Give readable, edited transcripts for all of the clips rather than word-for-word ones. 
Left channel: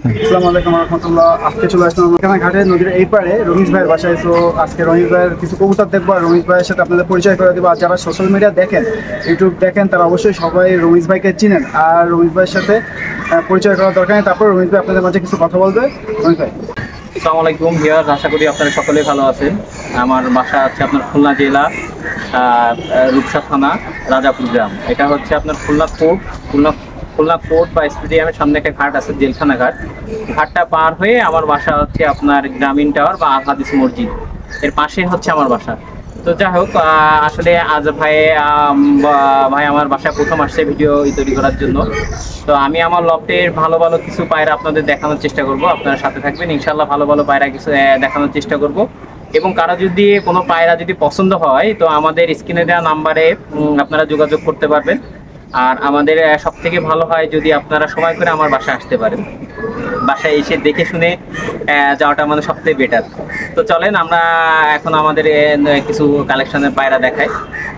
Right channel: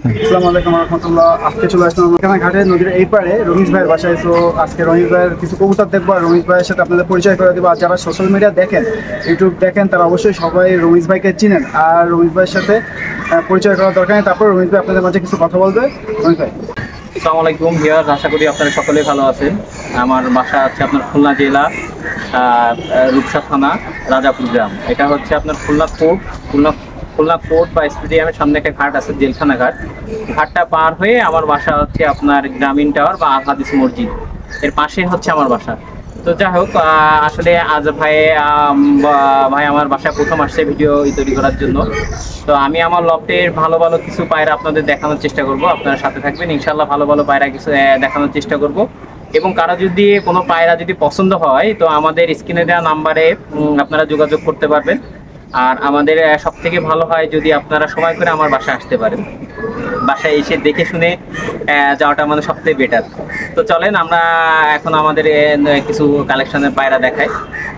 আসসালামু আলাইকুম রহমতুল্লাহ। আজকে চলে আসলাম আমরা ঘাটে নদীর এই পারে রমেশ ভাইয়ের বাসায়। তো আজকে রমেশ ভাইয়ের কিছু কবুতর দেখবো আর রমেশ ভাইয়ের সাথে আপনাদের পরিচয় করে দেবো। আর যারা সোশ্যাল মিডিয়া দেখেন, ইউটিউব দেখেন, তারা অবশ্যই সবাই রমেশ ভাইকে চিনেন। আর রমেশ ভাইয়ের সাথে পরিচয় করার দরকার নেই। তারপর রমেশ ভাই আপনাদের মাঝে কিছু কথা বলবে। রমেশ ভাই, আসসালামু আলাইকুম ভিউয়ার্স, আশা করি আপনারা সকলেই ভালো আছেন। আমার বাসা আছে আপনার খুলনা জেলা রূপসা থানা রাজাপুর গ্রাম। এটা হচ্ছে আপনার খুলনা কোর্ট বা স্টেডিয়ামের সামনে একটা ঘাট আছে, জেলখানা ঘাট। ঘাটটা পার হয়ে আমার বাসা হচ্ছে আপনার গ্রামীণ টাওয়ার বা আল হাদিস মসজিদ, এর পাশে হচ্ছে আমার বাসা। তো যাই হোক, আসলে আজ ভাই আমার বাসায় প্রথম আসছে ভিডিও তৈরি করার জন্য। তো আমি আমার লফটের ভালো ভালো কিছু পায়রা আপনাদের দেখানোর চেষ্টা করব। আপনারা সাথে থাকবেন, ইনশাল্লাহ ভালো ভালো পায়রা কিছু দেখানোর চেষ্টা করব। এবং কারো যদি কোনো পায়রা যদি পছন্দ হয় তো আমাদের স্ক্রিনে দেওয়া নাম্বারে আপনারা যোগাযোগ করতে পারবেন। আর আমাদের সব থেকে ভালো হয় যদি আপনারা সময় করে আমার বাসায় আসতে পারেন। বাসায় এসে দেখে শুনে যাওয়াটা মানে সবথেকে বেটার। তো চলেন আমরা এখন আমাদের কিছু কালেকশনের পায়রা দেখাই,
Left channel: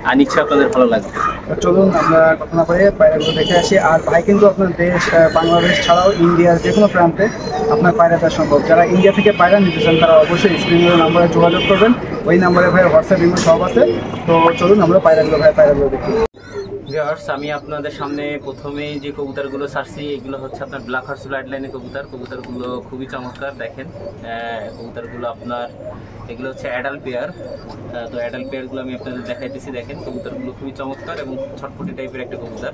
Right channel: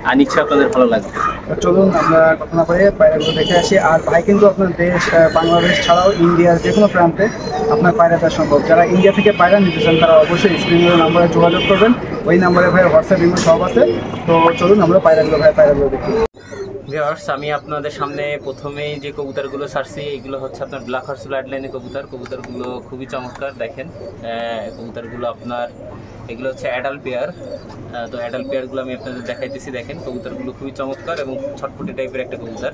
আর নিশ্চয়ই আপনাদের ভালো লাগবে। চলুন আমরা কথা না বলে পায়রাগুলো দেখে আসি। আর ভাই কিন্তু আপনার দেশ বাংলাদেশ ছাড়াও ইন্ডিয়ার যে কোনো প্রান্তে আপনার পায়রা দেওয়া সম্ভব। যারা ইন্ডিয়া থেকে পায়রা নিতে চান তারা অবশ্যই স্ক্রিনের নাম্বারে যোগাযোগ করবেন। ওই নাম্বারে ভাই হোয়াটসঅ্যাপ ইমেল সব আছে। তো চলুন আমরা পায়রাগুলো দেখি। ভিউয়ার্স, আমি আপনাদের সামনে প্রথমেই যে কবুতরগুলো ছাড়ছি এগুলো হচ্ছে আপনার ব্ল্যাক হর্স ব্লাড লাইনের কবুতরগুলো খুবই চমৎকার। দেখেন কবুতরগুলো আপনার এগুলো হচ্ছে অ্যাডাল্ট পেয়ার। তো অ্যাডাল্ট পেয়ারগুলো আমি আপনাদের দেখাইতেছি। দেখেন কবুতরগুলো খুবই চমৎকার এবং ছটফটি টাইপের একটা কবুতর।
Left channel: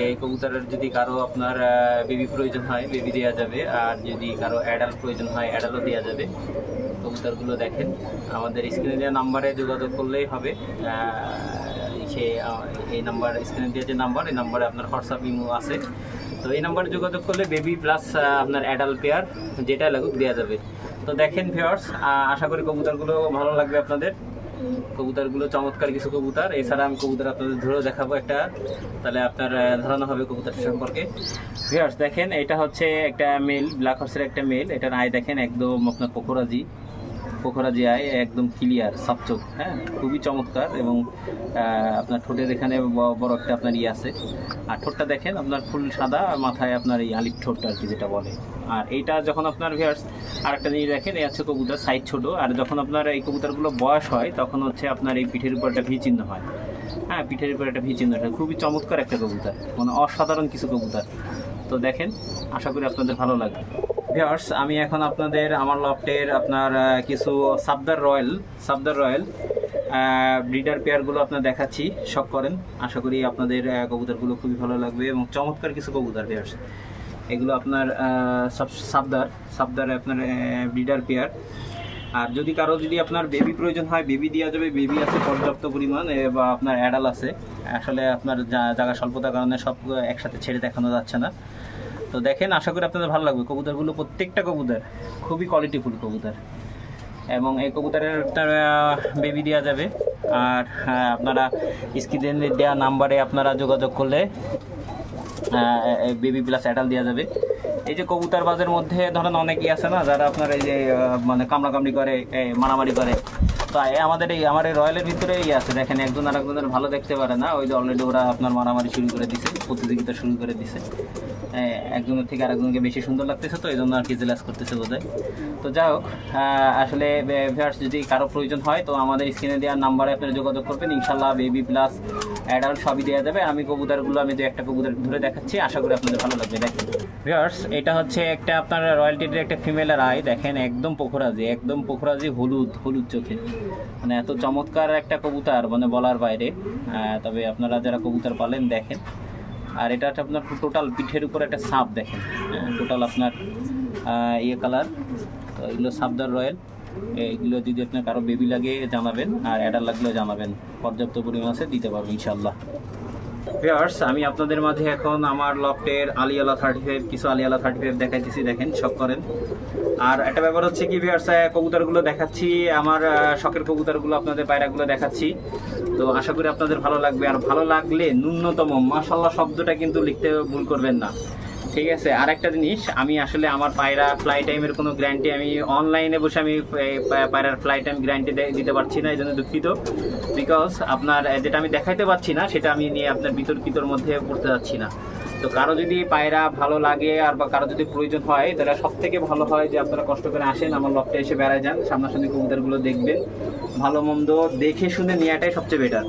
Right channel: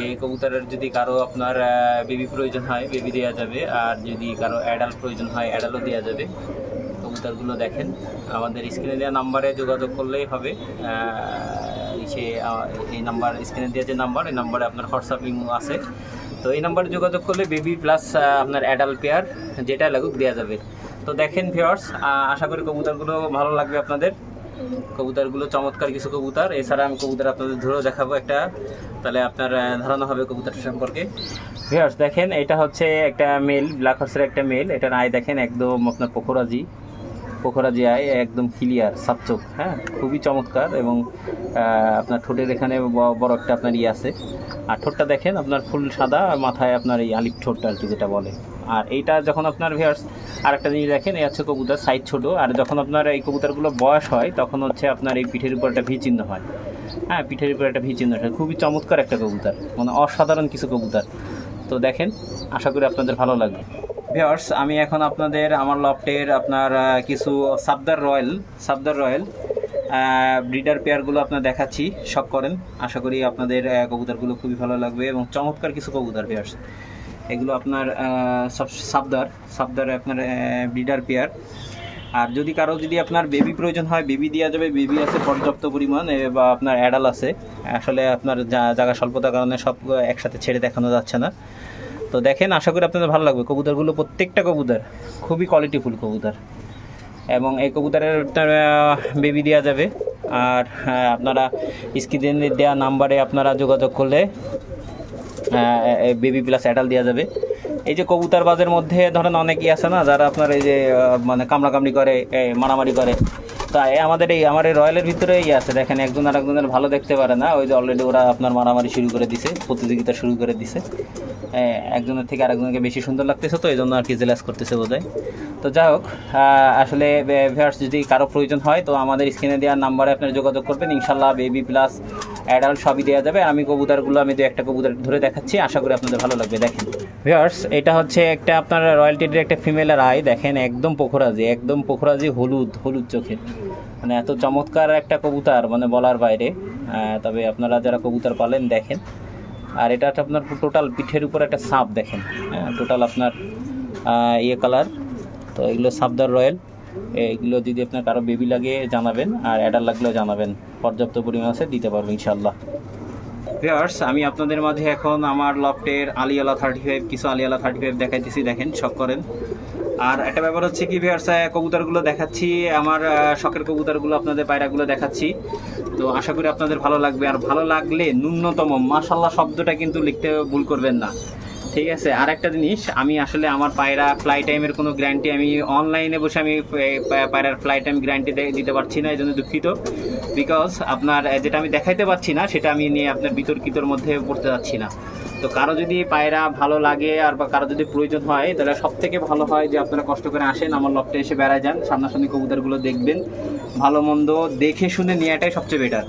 এই কবুতরের যদি কারো আপনার বেবি প্রয়োজন হয় বেবি দেওয়া যাবে, আর যদি কারো অ্যাডাল্ট প্রয়োজন হয় অ্যাডাল্টও দেওয়া যাবে। কবুতরগুলো দেখেন, আমাদের স্ক্রিনে দেওয়া নাম্বারে যোগাযোগ করলেই হবে। এই নাম্বার স্ক্রিনে দেওয়া যে নাম্বার, এই নাম্বারে আপনার হোয়াটসঅ্যাপ ইমো আছে। তো এই নাম্বারে যোগাযোগ করলে বেবি প্লাস আপনার অ্যাডাল্ট পেয়ার যেটা লাগুক দেওয়া যাবে। তো দেখেন ভিউয়ার্স, আশা করি কবুতরগুলো ভালো লাগবে আপনাদের। কবুতরগুলো চমৎকার কিছু কবুতর। এছাড়া আমি কবুতর আপনাদের ধরেও দেখাবো একটা, তাহলে আপনার ধারণা হবে কবুতর সম্পর্কে। ভিউয়ার্স দেখেন, এটা হচ্ছে একটা মেল, ব্ল্যাক হর্সের একটা মেল। এটার আয় দেখেন একদম আপনার পোখরাজি আয়, একদম ক্লিয়ার সাপচোক। হ্যাঁ, খুবই চমৎকার। এবং আপনার ঠোঁটের এখানে বড় একটা আপনার আছে। আর ঠোঁটটা দেখেন আপনার ফুল সাদা, আর মাথায় আপনার এই আলিপ ঠোঁটটা আর কি যেটা বলে। আর এইটা যখন আপনার ভিউয়ার্স আর একটা জিনিস দেখেন, এই হচ্ছে কবুতর সাইজ ছোট। আর যখন আপনার এই কবুতরগুলো বয়স হয় তখন হচ্ছে আপনার এই পিঠের উপর একটা ভি চিহ্ন হয়। হ্যাঁ, পিঠের উপর একটা ভি চিহ্ন হয়। খুবই চমৎকার একটা কবুতর, মানে অসাধারণ কিছু কবুতর। তো দেখেন, আশা করি আপনাদের ভালো লাগবে। ভিউয়ার্স, আমি এখন আপনাদের আমার লফটের আপনার কিছু সাবদার রয়্যাল ব্রিডার পেয়ারগুলো আপনার দেখাচ্ছি। শখ করেন, আশা করি আপনাদের কবুতরগুলো খুবই ভালো লাগবে এবং চমৎকার কিছু কবুতর। ভিউয়ার্স, এগুলো আপনার সাবদার আপনার ব্রিডার পেয়ার। আর যদি কারো যদি আপনার বেবি প্রয়োজন হয় বেবি দেওয়া যাবে, বেবি আছে পর্যাপ্ত পরিমাণ, বা আপনার অ্যাডাল আছে। আসলে আপনার জায়গা স্বল্পতার কারণে সব একসাথে ছেড়ে দেখানো যাচ্ছে না। তো দেখেন, আশা করি আপনাদের ভালো লাগবে। কবুতরগুলো প্রত্যেকটা কবুতর খুবই কোয়ালিটিফুল কবুতর, এবং এই কবুতরের বেবি দেওয়া যাবে। আর আপনারা স্ক্রিনে দেওয়া নাম্বারে আপনারা যোগাযোগ করলে বেবি প্লাস অ্যাডাল দেওয়া যাবে। এই যে কবুতর বাজের মধ্যে ধরেন অনেকেই আছে না, যারা আপনার এই যে মানে কামড়াকামড়ি করে, মারামারি করে। তো আমার এই রয়্যালের ভিতরে আছে, দেখেন একজন আর একজনের ভালো দেখতে পারে না। ওই যে অলরেডি ওরা আপনার মারামারি শুরু করে দিছে, প্রতিযোগিতা শুরু করে দিছে। একজনের থেকে আরেকজনকে বেশি সুন্দর লাগতেছে, তো এই জন্য আর কি জেলাস করতেছে বোধহয়। তো যাই হোক, আসলে ভিউয়ার্স যদি কারো প্রয়োজন হয় তো আমাদের স্ক্রিনে দেওয়ার নাম্বারে আপনারা যোগাযোগ করবেন। ইনশাল্লাহ বেবি প্লাস অ্যাডাল্ট সবই দেওয়া যাবে। আমি দু একটা কবুতর ধরে দেখাচ্ছি, আশা করি আপনাদের ভালো লাগবে। দেখেন ভিউয়ার্স, এটা হচ্ছে একটা আপনার রয়্যালটির একটা ফিমেলের আই। দেখেন একদম পোখরাজি হলুদ চোখের, মানে এত চমৎকার একটা কবুতর, মানে বলার বাইরে। তবে আপনারা যারা কবুতর পালেন দেখেন। আর এটা আপনার টোটাল পিঠের উপর একটা সাপ দেখেন, টোটাল আপনার কালার। তো এগুলো সাবদার রয়্যাল। এগুলো যদি আপনার কারো বেবি লাগে জানাবেন, আর অ্যাডাল লাগলেও জানাবেন, পর্যাপ্ত পরিমাণ আছে, দিতে পারবো ইনশাল্লাহ। ভিউয়ার্স, আমি আপনাদের মাঝে এখন আমার লফটের আলিয়ালা 35 কিছু আলিয়ালা 35 দেখাইতেছি। দেখেন, শখ করেন। আর একটা ব্যাপার হচ্ছে কি ভিউয়ার্স, কবুতরগুলো দেখাচ্ছি, আমার শখের কবুতরগুলো আপনাদের পায়রাগুলো দেখাচ্ছি। তো আশা করি আপনাদের ভালো লাগবে। আর ভালো লাগলে ন্যূনতম মাশাআল্লাহ শব্দটা কিন্তু লিখতে ভুল করবেন না, ঠিক আছে? আর একটা জিনিস, আমি আসলে আমার পায়রা ফ্লাই টাইমের কোনো গ্যারান্টি আমি অনলাইনে বসে আমি পায়রার ফ্লাই টাইম গ্যারান্টি দিতে পারছি না, এই জন্য দুঃখিত। বিকজ আপনার যেটা আমি দেখাইতে পারছি না সেটা আমি নিয়ে আপনার বিতর্কিতর মধ্যে পড়তে যাচ্ছি না। তো কারো যদি পায়রা ভালো লাগে আর বা কারো যদি প্রয়োজন হয় তাহলে সব থেকে ভালো হয় যে আপনারা কষ্ট করে আসেন আমার লফটে এসে বেড়ায় যান, সামনাসামনি কবুতরগুলো দেখবেন, ভালো মন্দ দেখে শুনে নেওয়াটাই সবচেয়ে বেটার।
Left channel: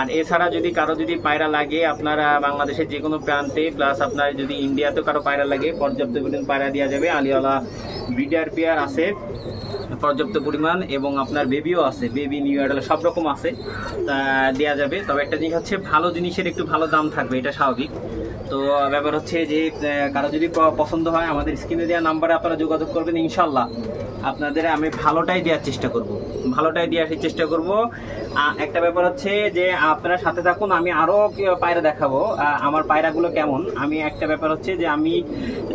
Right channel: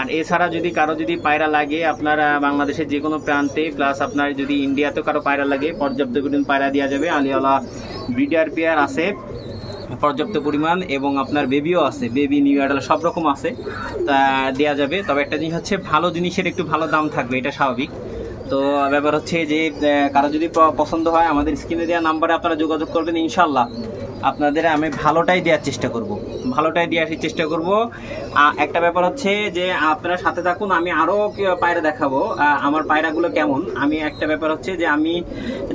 আর এছাড়া যদি কারো যদি পায়রা লাগে আপনারা বাংলাদেশের যে কোনো প্রান্তে, প্লাস আপনার যদি ইন্ডিয়াতেও কারো পায়রা লাগে পর্যাপ্ত পরিমাণ পায়রা দেওয়া যাবে। আলিওয়ালা ব্রিডার পেয়ার আছে পর্যাপ্ত পরিমাণ, এবং আপনার বেবিও আছে, বেবি নিউ অ্যাডাল্ট সব রকম আছে, তা দেওয়া যাবে। তবে একটা জিনিস হচ্ছে ভালো জিনিসের একটু ভালো দাম থাকবে, এটা স্বাভাবিক। তো ব্যাপার হচ্ছে যে কারো যদি পছন্দ হয় আমাদের স্ক্রিনে দেওয়া নাম্বারে আপনারা যোগাযোগ করবেন, ইনশাল্লাহ আপনাদের আমি ভালোটাই দেওয়ার চেষ্টা করব, ভালোটাই দেওয়ার চেষ্টা করব। একটা ব্যাপার হচ্ছে যে আপনারা সাথে থাকুন, আমি আরও পায়রা দেখাবো আমার পায়রাগুলো কেমন। আমি একটা ব্যাপার হচ্ছে যে আমি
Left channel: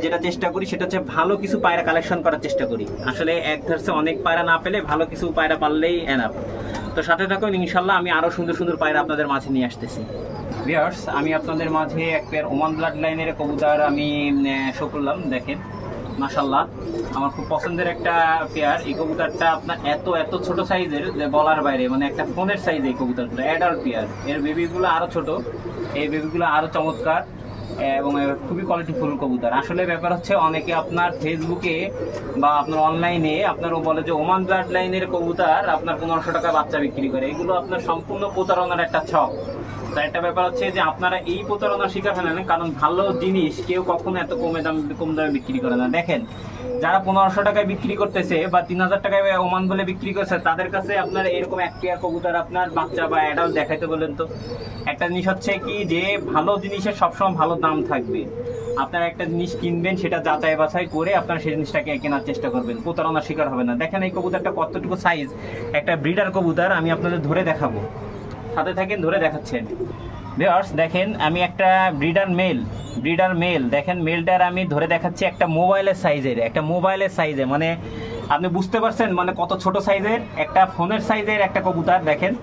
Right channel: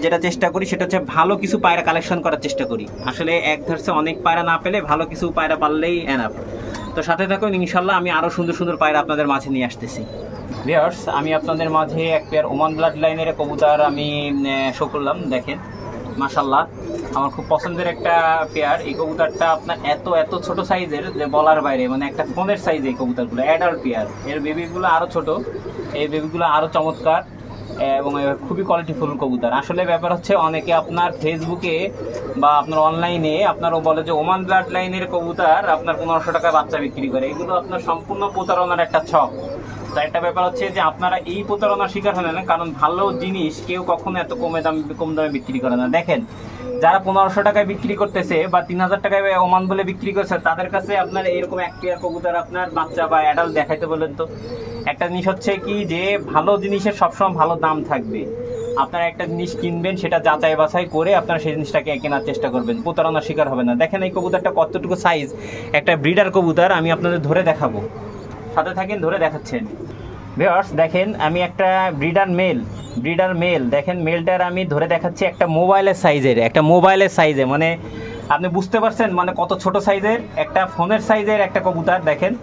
যেটা চেষ্টা করি সেটা হচ্ছে ভালো কিছু পায়রা কালেকশন করার চেষ্টা করি। আসলে এক ধরছে অনেক পায়রা না পেলে ভালো কিছু পায়রা পারলেই এনাফ। তো সাথে থাকুন, ইনশাল্লাহ আমি আরও সুন্দর সুন্দর পায়রা আপনাদের মাঝে নিয়ে আসতেছি। ভিউয়ার্স, আমি আপনাদের মাঝে এক পেয়ার ওমান ব্লাড লাইনের কবুতর আমি শো করলাম। দেখেন মাশাআল্লাহ, আমার খুব পছন্দের একটা পেয়ার। এই কবুতরটা আপনার এত এত ছোট সাইজের যে বলার বাইরে, মানে একটা ফোনের সাইজ এই কবুতরগুলো, অ্যাডাল্ট পেয়ার। এর বেবিগুলো আরও ছোট, এই বেবিগুলো আরও চমৎকার এবং খুবই কোয়ালিটিফুল কবুতর। আসলে ব্যাপার হচ্ছে অনেকে আপনার ফেসবুকে বা আপনার অনলাইনে আপনারও বলে যে ওমান ব্লাড লাইনের কবুতর আপনার 1500 টাকায় বাচ্চা বিক্রি করে, এগুলো আপনার সম্পূর্ণ প্রতারণার একটা ছক। তার একটা ব্যাপার হচ্ছে যে আপনারা এই প্রতারণার শিকার হলেন, কারণ ভালো জিনিস কেউ কখনো এত কম দামে বিক্রি করে না। দেখেন যারা 1500 টাকায় বিক্রি করতেছে বা 3000 টাকায় ওমান বলে বিক্রি করছে, তাদের কাছে আপনার এরকম এক পেয়ার কবুতর আপনার বাচ্চা বা অ্যাডাল্ট দেখাইতে বলেন তো। একটা জিনিস হচ্ছে কি যে ভালো জিনিসের সবসময় ভালো দাম থাকবে। আপনারা একটা জিনিস কিনবেন, সেটা যাচাই বাছাই করে আপনারা সেই জিনিসটাকে কেনার চেষ্টা করবেন, প্রতারণার শিকার হবে না। দেখেন এই কবুতরটা কতটুকু সাইজ, একটা ব্রিডার কবুতর। আমি আপনাদের ধরে দেখাবো, সাথে থাকেন, ধরে দেখাচ্ছেন। ভিউয়ার্স দেখেন, আমি একটা ব্রিডার মেল দেখেন, মেলটার আমি ধরে দেখাচ্ছি একটা মোবাইলের সাইজের, মানে আপনি বুঝতে পারছেন মানে কত ছোট সাইজের, একটা ফোনের সাইজের একটা কবুতর। দেখেন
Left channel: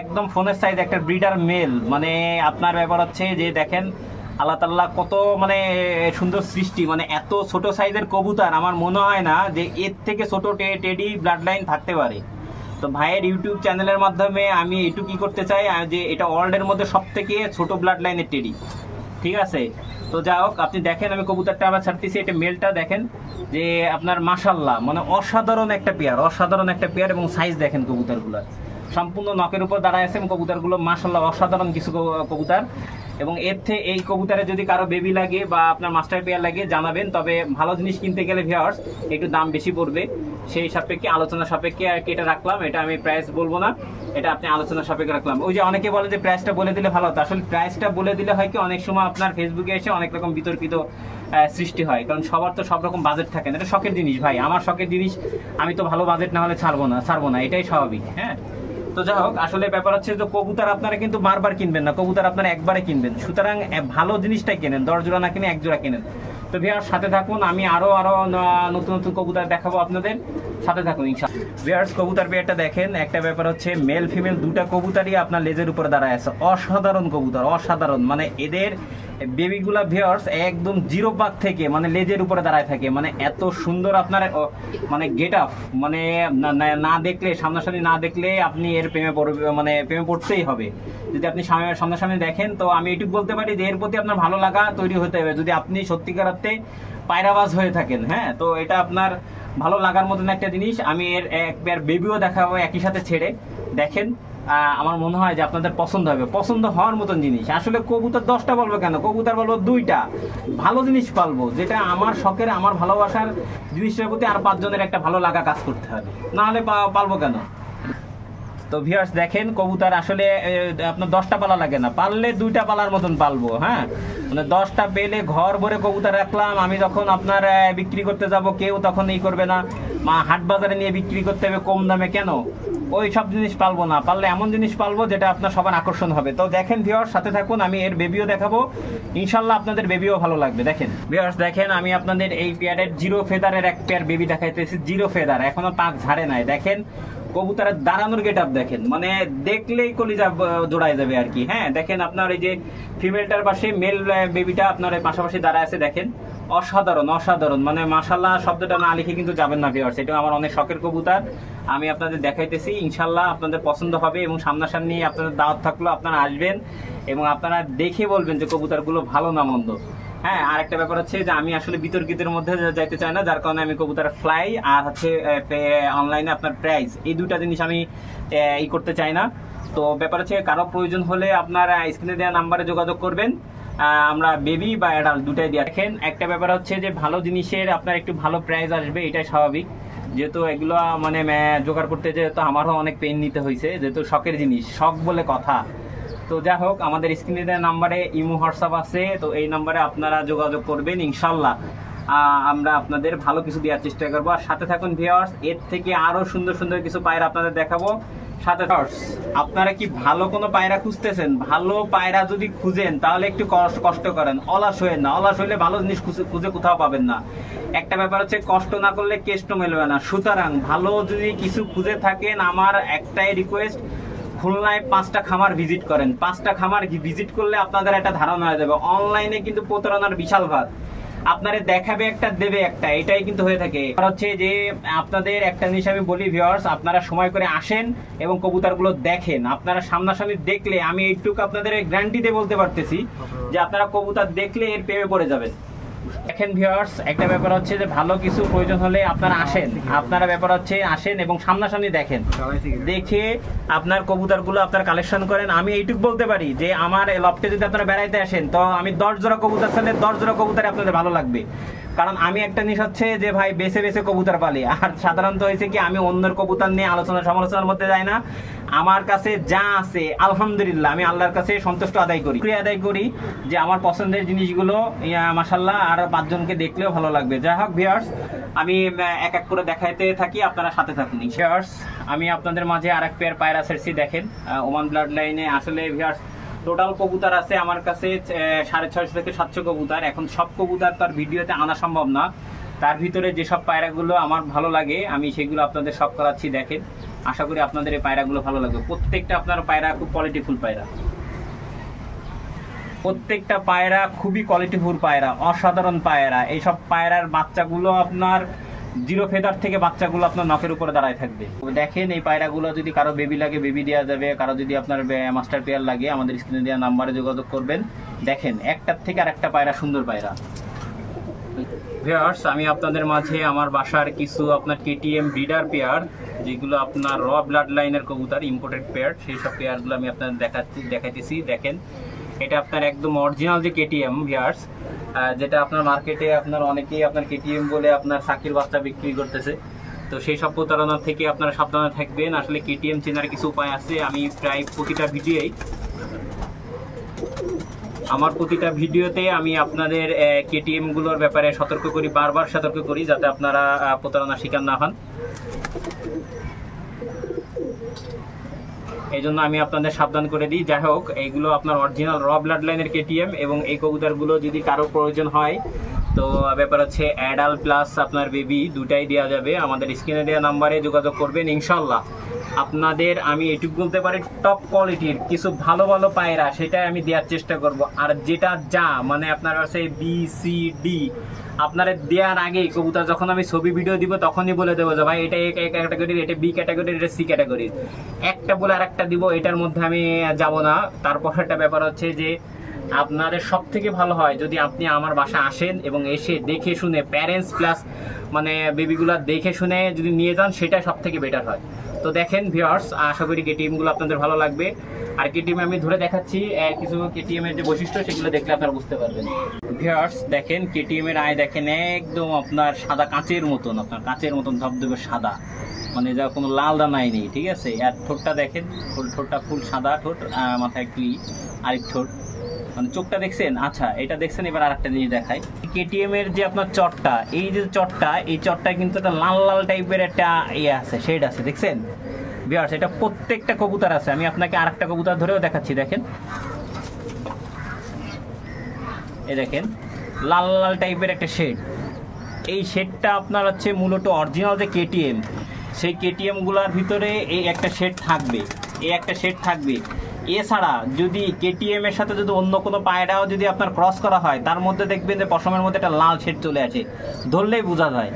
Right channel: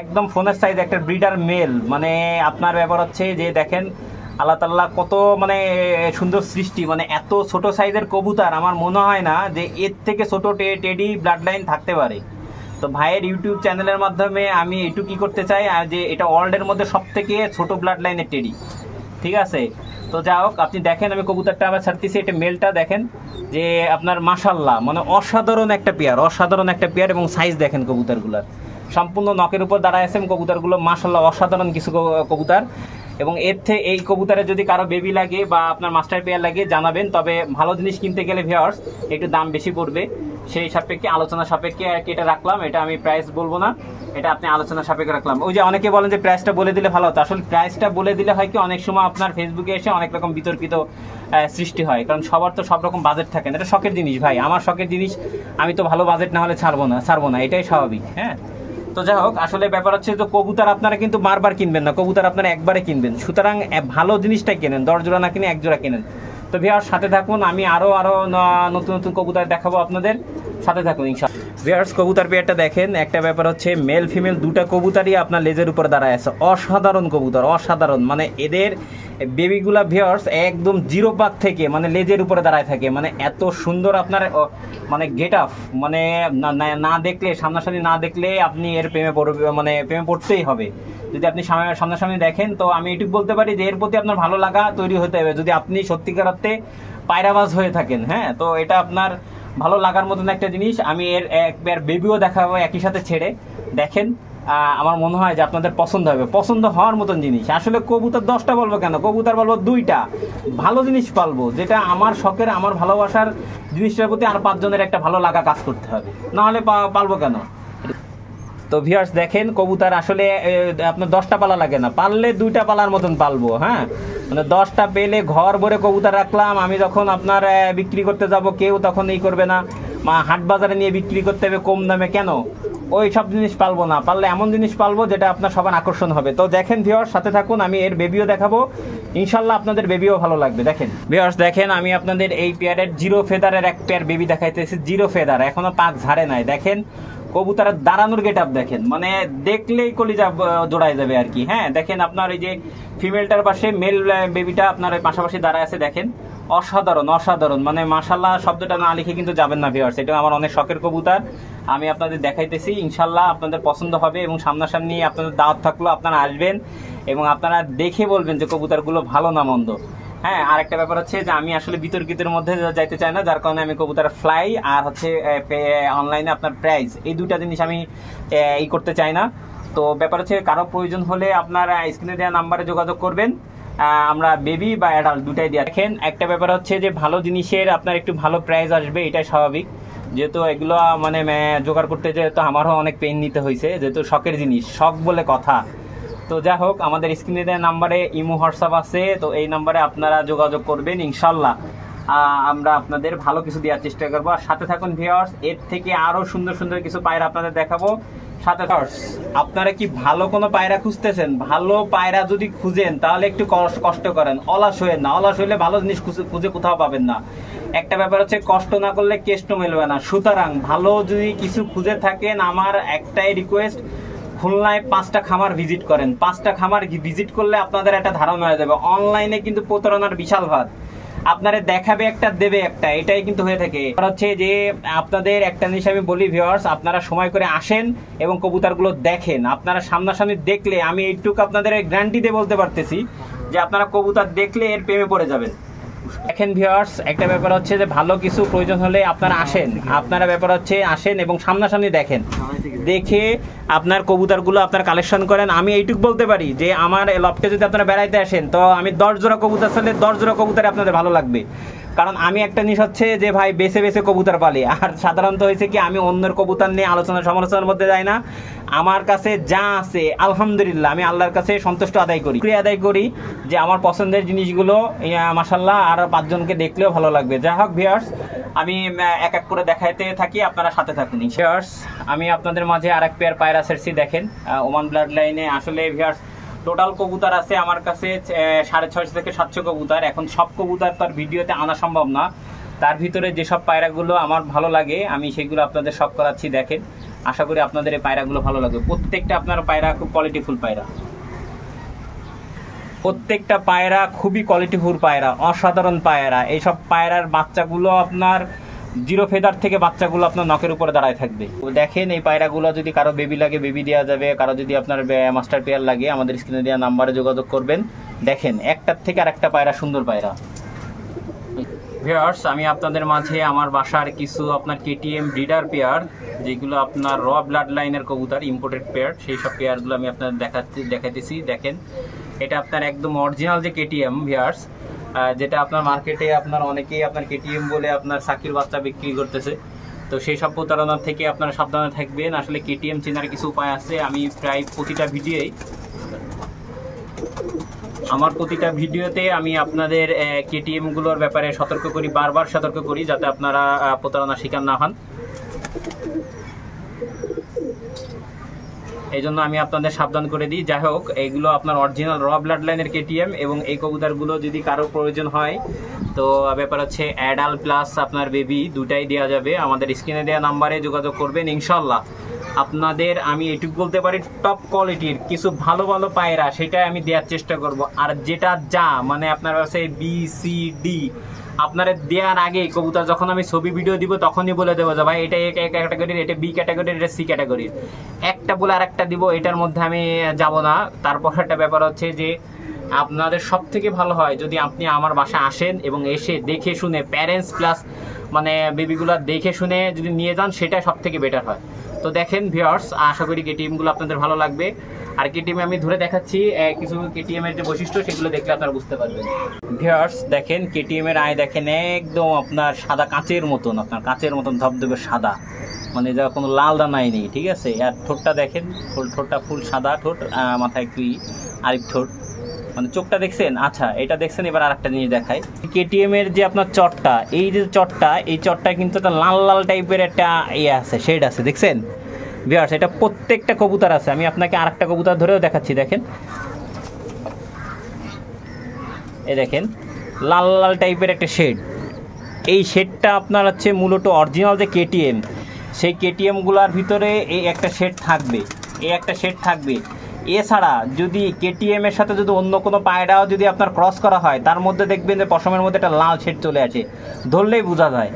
একদম ফোনের সাইজ একটা ব্রিডার মেল। মানে আপনার ব্যাপার হচ্ছে যে দেখেন আল্লাহ তাআলা কত মানে সুন্দর সৃষ্টি, মানে এত ছোট সাইজের কবুতর আমার মনে হয় না যে এর থেকে ছোট টেডি ব্লাড লাইন থাকতে পারে। তো ভাইয়ের ইউটিউব চ্যানেলের মাধ্যমে আমি এটুকু কি করতে চাই যে এটা ওয়ার্ল্ডের মধ্যে সব থেকে ছোট ব্লাড লাইনের টেডি, ঠিক আছে। তো যা হোক, আপনি দেখেন আমি কবুতরটা আবার ছাড়তেছি, এটা মেলটা দেখেন যে আপনার মাশাআল্লাহ মানে অসাধারণ একটা পেয়ার, এবং সাইজ দেখেন কবুতরগুলোর সম্পূর্ণ নখের উপর দাঁড়ায় আছেন কবুতরগুলো, মাশাআল্লাহ অসাধারণ কিছু কবুতর। এবং এর থেকে এই কবুতরে যদি কারো বেবি লাগে বা আপনার মাস্টার পেয়ার লাগে জানাবেন। তবে ভালো জিনিস কিনতে গেলে ভিউয়ার্স একটু দাম বেশি পড়বে, সেই সাপেক্ষে আলোচনা সাপেক্ষে আর কি এটা রাখলাম। এটা আমি প্রাইস বলবো না, এটা আপনি আলোচনা সাপেক্ষে রাখলাম। ওই যে অনেকে বলেন যে প্রাইসটা বলে দিলে ভালো হতো, আসলে প্রাইসটা বলে দিলে হয় কি অনেক সময় আপনার ফেসবুকে এসে অনেক রকম বিতর্কিত সৃষ্টি হয়, কারণ সবার তো সব রকম বাজেট থাকে না। এটা শখের জিনিস ভাই, আমার শখের জিনিস, আমি তো ভালো বাজেট না হলে ছাড়বো না, এটাই স্বাভাবিক। হ্যাঁ, তো যাই হোক, আসলে ব্যাপার হচ্ছে যে কবুতর আপনারা কিন্তু বারবার কিনবেন না, কবুতর আপনারা একবারে কিনবেন। সুতরাং ভালো জিনিসটাই কেনেন, 10 জোড়া না কিনে 1 জোড়া কেনেন। তো ভিউয়ার্স সাথে থাকুন, আমি আরো নতুন নতুন কবুতর দেখাবো আপনাদের, সাথে থাকুন ইনশাআল্লাহ। ভিউয়ার্স কবুতর পেয়ারটা দেখেন, একটা ব্যাপার হচ্ছে মেল ফিমেল দুটা কবুতরই আপনার লেজের উপর দাঁড়ায় আছে, অসাধারণ কবুতর, অসাধারণ। মানে এদের বেবিগুলা ভিউয়ার্স একদম 0 পাক থেকে মানে লেজের উপরে দাঁড়ায় থাকে, মানে এত সুন্দর আপনার মানে গেট আপ, মানে না দেখলে, সামনাসামনি না দেখলে আপনি এর প্রেমে পড়তেই হবে। যদি আপনি সামনাসামনি দেখেন, তো আমি এটুকু বলতে পারি যে এর প্রতি আপনার ভালো লাগা তৈরি হতে হবে, যদি আপনি সত্যিকার অর্থে পায়রাবাজ হয়ে থাকেন। হ্যাঁ, তো এটা আপনার ভালো লাগার মতন একটা জিনিস। আমি এর একবার বেবিও দেখাবো একই সাথে ছেড়ে, দেখেন আমার মনে হয় যে আপনাদের পছন্দ হবে, পছন্দ হওয়ার মতন জিনিস। আসলে কবুতর 10টা বলবো কেন, কবুতর বলবো 2টা, ভালো জিনিস পালবো, যেটা আমার শখের, আমার ভালোবাসার জিনিসটার প্রতি আর 5 জনের একটা ভালো লাগা কাজ করতে হবে, নাহলে পালবো কেন। তো ভিউয়ার্স দেখেন কবুতর আসলে আপনার 10টা পালা লাগে না, পাললে 2টা পালার মতন পালবো। হ্যাঁ, মানে 10টা পেলে ঘর ভরে কবুতর রাখলাম, আমি যখন আপনার বিক্রি করতে যাব কেউ তখন এই করবে না, হাট বাজারে নিয়ে বিক্রি করতে হবে কম দামে, কেন ওই সব জিনিস পালবো না, পারলে এমন জিনিস পালবো যেটা আপনার সবার আকর্ষণ হবে। তো দেখেন ভিউয়ার্স সাথে থাকুন, আমি এর বেবিও দেখাবো, ইনশাল্লাহ আপনাদের বেবিও ভালো লাগবে। দেখেন ভিউয়ার্স দেখেন, আমি আপনাদের এই পেয়ারের 0 ফেদারের এক পেয়ার বেবি দেখাইতেছি, 0 ফেদার, এখনো পাক ঝাড়ে নাই। দেখেন কবুতরের দাঁড়ানোর গেট আপ দেখেন, মানে দেখলেই কলিজা জোড়ায় যাবে আর কি। হ্যাঁ, দেখেন আপনার এই যে ফিমেলটার পাশে মেল বেবিটা আপনার পাশাপাশি দাঁড়ায় আছে, দেখেন অসাধারণ অসাধারণ, মানে মাশাআল্লাহ শব্দটা না লিখে কিন্তু যাবেন না ভিউয়ার্স। এটা আমার অনেক শখের কবুতর, আমি আপনাদের দেখাইতেছি, ইনশাল্লাহ আপনাদের পছন্দ হবে এবং সামনাসামনি আপনাদের দাওয়াত থাকলো, আপনারা আসবেন এবং আপনারা দেখে বলবেন যে কবুতরগুলো ভালো না মন্দ। হ্যাঁ, আর একটা ব্যাপার হচ্ছে যে আমি আসলে বিতর্কিতের মধ্যে যাইতে চাই না, যার কারণে আমি কবুতর ফ্লাই আর হচ্ছে অনলাইনে আপনার প্রাইস, এই দুইটা জিনিস আমি এই করতে চাই না। তো ব্যাপার হচ্ছে কারো প্রয়োজন হলে আপনার স্ক্রিনে দেওয়া নাম্বারে যোগাযোগ করবেন, আমরা বেবি বা অ্যাডাল্ট দুটাই দিয়ে দেখেন। একটা ব্যাপার হচ্ছে যে ভালো জিনিসের আপনার একটু ভালো প্রাইস আসবে, এটাই স্বাভাবিক, যেহেতু এগুলো মানে জোগাড় করতে যেহেতু আমারও অনেক পেন নিতে হয়েছে, যেহেতু শখের জিনিস, শখ বলে কথা। তো যাই হোক, আমাদের স্ক্রিনে দেওয়া নাম্বারে ইমো হোয়াটসঅ্যাপ আছে, তো এই নাম্বারে আপনারা যোগাযোগ করবেন, ইনশাল্লাহ আমরা আপনাদের ভালো কিছু দেওয়ার চেষ্টা করবো। আর সাথে থাকুন ভিউয়ার্স, এর থেকে আরো সুন্দর সুন্দর কিছু পায়রা আপনাদের দেখাবো সাথে। আপনারা কি ভালো কোনো পায়রা খুঁজতেছেন? ভালো পায়রা যদি খুঁজেন তাহলে একটু কষ্ট করেন, অলস হয়ে না, অলস হইলে ভালো জিনিস খুঁজে কোথাও পাবেন না। একটা ব্যাপার হচ্ছে কষ্ট না করলে কেষ্ট মেলবে না। সুতরাং ভালো যদি কিছু খুঁজে থাকেন, আমার একটাই রিকোয়েস্ট, খুলনায় 5টা খামার ভিজিট করেন। 5টা খামার ভিজিট করলে আপনাদের একটা ধারণা হয়ে যাবে। অনলাইনে কিন্তু প্রতারণার বিশাল ভাত, আপনারে দেখাবে একটা দেবে একটা, এটাই কিন্তু হয়ে থাকে। হচ্ছে যে আপনাদের একটা জিনিস আমি বলি ভিউয়ার্স, আপনারা সময় করে আসেন এবং কবুতরগুলো দেখেন। আপনারা সামনাসামনি দেখলে আমি এইটুকু আপনাদের গ্যারান্টি দিয়ে বলতে পারতেছি যে আপনারা কবুতর দেখলে এর প্রেমে পড়ে যাবেন। দেখেন ভিউয়ার্স, একটা ব্যাপার হচ্ছে যে ভালো কিছু প্রয়োজন হলে আপনারা আসেন, আপনারা ব্যাপার হচ্ছে আসেন এবং সামনাসামনি দেখেন, দেখে আপনার কবুতরগুলো আপনারা কালেকশন করেন। আমি এইটুকু বলতে পারি যে আমার লফটে যদি আপনারা বেড়াইতে আসেন, তো আমি 10 জোড়া কবুতর ফেলে 10 জোড়া কবুতর আপনাদের ভালো লাগবে। কারণ আমি একটা জিনিস হচ্ছে যে ভাই বেছে বেছে কবুতর পালি, আর সাধারণত হয়েছে কি আমি অন্যের কবুতর নিয়ে আলোচনা সমালোচনার মধ্যে যাই না। আমার কাছে যা আছে আলহামদুলিল্লাহ আমি আল্লাহর কাছে সন্তুষ্ট আদায় করি যে আমার পছন্দের জিনিসগুলো মাশাআল্লাহ আর 5 জনকে দেখলেও ভালো লাগবে। যাই হোক ভিউয়ার্স, আমি এক এক করে দেখাইতে থাকি, আপনারা সাথে থাকুন। ভিউয়ার্স, আমি আপনাদের মাঝে আরেক পেয়ার পায়রা ছেড়ছি, দেখেন ওমান ব্লাড লাইনে। আসলে ভিউয়ার্স টোটাল কবুতর আছে আমার কাছে 650 থেকে 700 কবুতর। এখন সব কবুতর তার ভিডিওতে আনা সম্ভব না, তার ভিতরে যেসব পায়রাগুলো আমার ভালো লাগে আমি সেগুলো আপনাদের সব করাচ্ছি। দেখেন, আশা করি আপনাদের এই পায়রাগুলো ভালো লাগবে। প্রত্যেকটা আপনার পায়রা খুব কোয়ালিটিফুল পায়রা, প্রত্যেকটা পায়রা খুবই কোয়ালিটিফুল পায়রা, অসাধারণ পায়রা। এইসব পায়রার বাচ্চাগুলো আপনার 0 ফেদার থেকে বাচ্চাগুলো আপনার নখের উপরে দাঁড়ায় থাকবে। দেখেন এই পায়রাগুলো যদি কারো বেবি লাগে বেবি দেওয়া যাবে, কারো যদি আপনার মাস্টার পেয়ার লাগে আমাদের স্ক্রিনে দেওয়া নাম্বারে যোগাযোগ করবেন। দেখেন একটার থেকে আরেকটা পায়রা, সুন্দর পায়রা। ভিউয়ার্স, আমি আপনাদের মাঝে আমার বাসার কিছু আপনার কেটিএম ব্রিডার পেয়ার, যেগুলো আপনার র ব্লাড লাইনের কবুতর, ইম্পোর্টেড পেয়ার, সেই সব পেয়ারগুলো আমি আপনাদের দেখাইতেছি। দেখেন, এটা আপনার একদম অরিজিনাল যে কেটিএম ভিউয়ার্স, যেটা আপনার মার্কেটে আপনার অনেকেই আপনার কেটিএম বলে আপনার চাকরির বাচ্চা বিক্রি করতেছে। তো সেই সব প্রতারণা থেকে আপনারা সাবধানে থাকবেন। আসলে কেটিএম চেনার কিছু উপায় আছে। আমি প্রায় প্রতিটা ভিডিওতে আমি আপনাদের কেটিএম গুলোর ব্যাপারে সতর্ক করি, বারবার সতর্ক করি, যাতে আপনারা প্রতারণার শিকার না হন। এই জন্য আমি আপনাদের সাবধান করে দিই। যাই হোক, এইগুলো আপনার অরিজিনাল র ব্লাড লাইনের কেটিএম এবং এই কবুতরগুলো যদি কারো প্রয়োজন হয়, তো ব্যাপার হচ্ছে অ্যাডাল্ট প্লাস আপনার বেবি দুটাই দেওয়া যাবে। আমাদের স্ক্রিনে দেওয়া নাম্বারে যোগাযোগ করবেন, ইনশাল্লাহ আপনাদের আমি এটুকু বলতে পারি টপ কোয়ালিটির কিছু ভালো ভালো পায়রা সেটা আমি দেওয়ার চেষ্টা করব। আর যেটা যা মানে আপনার কাছে BCD আপনারা দেওয়ার আগেই কবুতর যখন আমি ছবি ভিডিও দিব তখনই বলে দেবো যে ভাই এটা A ক্যাটাগরির, এটা B ক্যাটাগরির, এটা C ক্যাটাগরির, একটা বলে আরেকটা দিব, এটার মধ্যে আমি যাব না। তারপর একটা ব্যাপার হচ্ছে যে আপনাদের সব থেকে ভালো হয় যদি আপনি আমার বাসায় আসেন এবং এসে দেখে শুনে প্যারেন্টস প্লাস মানে বেবিগুলো দেখে শুনে যদি নিয়ে যান, সেটা সব থেকে বেটার হয়। তো দেখেন ভিউয়ার্স, আশা করি কেটিএমগুলো আপনাদের ভালো লাগবে। আর কেটিএম আমি ধরে দেখাচ্ছি কিছু কেটিএম এর যে বৈশিষ্ট্য সেগুলো দেখলে আপনারা বুঝতে পারবেন। ভিউয়ার্স দেখেন, কেটিএম এর আয় দেখেন একদম আপনার সাদা কাঁচের মতন, আপনার কাঁচের মতন ধবধবে সাদা, মানে যা কোনো লাল দানাই নেই, ঠিক আছে। আর ঠোঁটটা দেখেন, ঠোঁটটা ফুল সাদা ঠোঁট, মাথায় একটু আরেক ঠোঁট, মানে চোখটা দেখছেন। আচ্ছা, এটা দেখছেন। এবার আরেকটা জিনিস দেখাই, কেটিএম এর যে আপনার চটটা, এই যে চটটা, এই চটটা কিন্তু একটা লাল লাল টাইপের একটা ইয়ে আছে, শেড আছে, দেখছেন ভিউয়ার্স। এটা প্রত্যেকটা কবুতর আছে। আমি আপনাকে আরেকটা কবুতর ধরেও দেখাচ্ছি, দেখেন, এই দেখেন লাল লাল টাইপের একটা শেড। এই শেডটা আপনার হচ্ছে মূলত অরিজিনাল যে কেটিএম, সেই কেটিএম গুলার ভিতরে এই একটা শেড থাকবে, এই একটা শেড থাকবে। এছাড়া যদি কেটিএম এর সাথে যদি অন্য কোনো পায়রাও যদি আপনার ক্রস করা হয়, তার মধ্যে দেখবেন যে পশমের মধ্যে একটা লাল শেড চলে আসে, ধরলেই বোঝা যায়।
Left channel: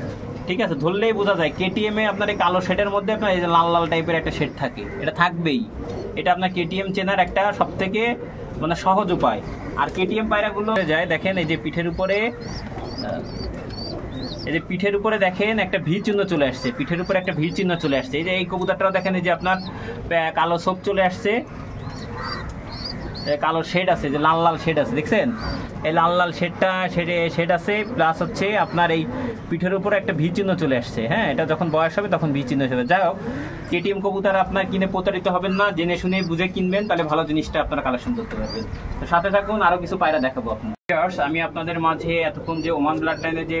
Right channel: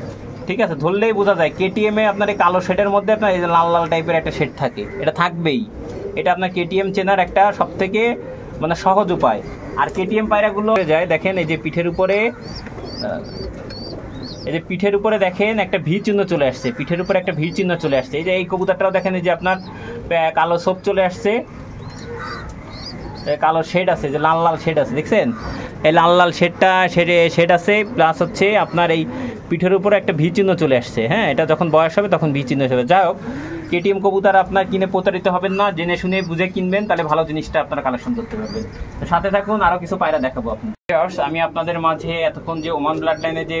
ঠিক আছে, ধরলেই বোঝা যায় কেটিএম এ আপনার এই কালো শেডের মধ্যে আপনার এই যে লাল লাল টাইপের একটা শেড থাকে, এটা থাকবেই। এটা আপনার কেটিএম চেনার একটা সব থেকে মানে সহজ উপায়। আর কেটিএম পায়রাগুলো যায় দেখেন এই যে পিঠের উপরে, এই যে পিঠের উপরে দেখেন একটা ভি চিহ্ন চলে আসছে, পিঠের উপরে একটা ভি চিহ্ন চলে আসছে। এই যে এই কবুতরটাও দেখেন এই যে আপনার কালো ছোপ চলে আসছে, কালো শেড আছে, যে লাল লাল শেড আছে দেখছেন, এই লাল লাল শেড আছে, প্লাস হচ্ছে আপনার এই পিঠের উপরে একটা ভি চিহ্ন চলে আসছে। হ্যাঁ, এটা যখন বয়স হবে তখন ভি চিহ্ন হবে। যাই হোক, কেটিএম কবুতর আপনার কিনে প্রতারিত হবেন না, জেনে শুনে বুঝে কিনবেন, তাহলে ভালো জিনিসটা আপনারা কালেকশন করতে পারবেন। তো সাথে থাকুন, আরো কিছু পায়রা দেখাবো আপনার। আমি আপনাদের মাঝে এতক্ষণ যে ওমান ব্লাড লাইনে যে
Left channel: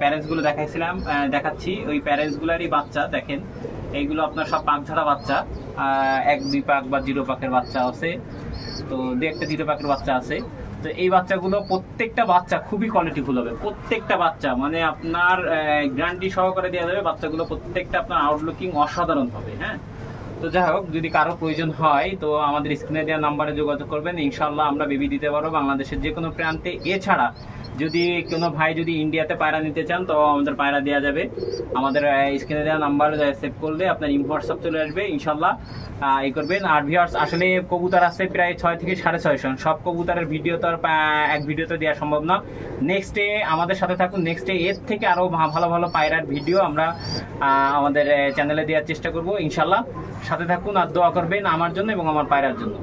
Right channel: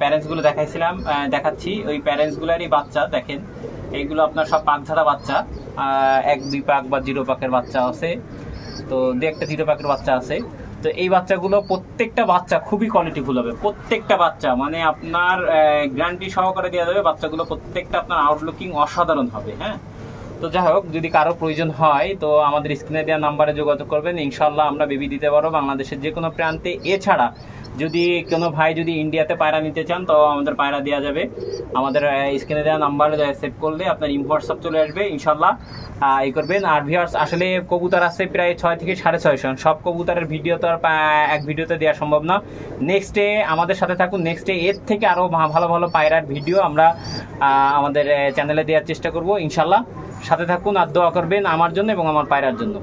প্যারেন্টস গুলো দেখাইছিলাম, দেখাচ্ছি ওই প্যারেন্টস গুলারই বাচ্চা দেখেন। এইগুলো আপনার সব পাক ঝাড়া বাচ্চা, 1-2 পাক বা 0 পাকের বাচ্চা আছে, তো 2-1টা 0 পাকের বাচ্চা আছে। তো এই বাচ্চাগুলো প্রত্যেকটা বাচ্চা খুবই কোয়ালিটিফুল হবে, প্রত্যেকটা বাচ্চা মানে আপনার গ্যারান্টি সহকারে দেওয়া যাবে। বাচ্চাগুলো প্রত্যেকটা আপনার আউটলুকিং অসাধারণ হবে। হ্যাঁ, তো যাই হোক, যদি কারো প্রয়োজন হয় তো আমাদের স্ক্রিনে দেওয়া নাম্বারে যোগাযোগ করবেন, ইনশাল্লাহ আমরা বেবি দিতে পারবো বাংলাদেশের যে কোনো প্রান্তে। এছাড়া যদি কোনো ভাই যদি ইন্ডিয়াতে পায়রা নিতে চান তো আমাদের পায়রা দেওয়া যাবে। আমাদের স্ক্রিনে দেওয়া নাম্বার সেভ করলে আপনার হোয়াটসঅ্যাপ চলে আসবে, ইনশাল্লাহ এই করবেন। আর ভিউয়ার্স, আসলে কবুতর আছে প্রায় 6 থেকে 650। সব কবুতরের ভিডিও তো আর এক ভিডিওতে দেওয়া সম্ভব না। নেক্সট ডে আমাদের সাথে থাকুন, নেক্সট ডে এর থেকে আরও ভালো ভালো পায়রার ভিডিও আমরা আমাদের চ্যানেলে দেওয়ার চেষ্টা করব, ইনশাল্লাহ। সাথে থাকুন আর দোয়া করবেন আমার জন্য এবং আমার পায়রার জন্য।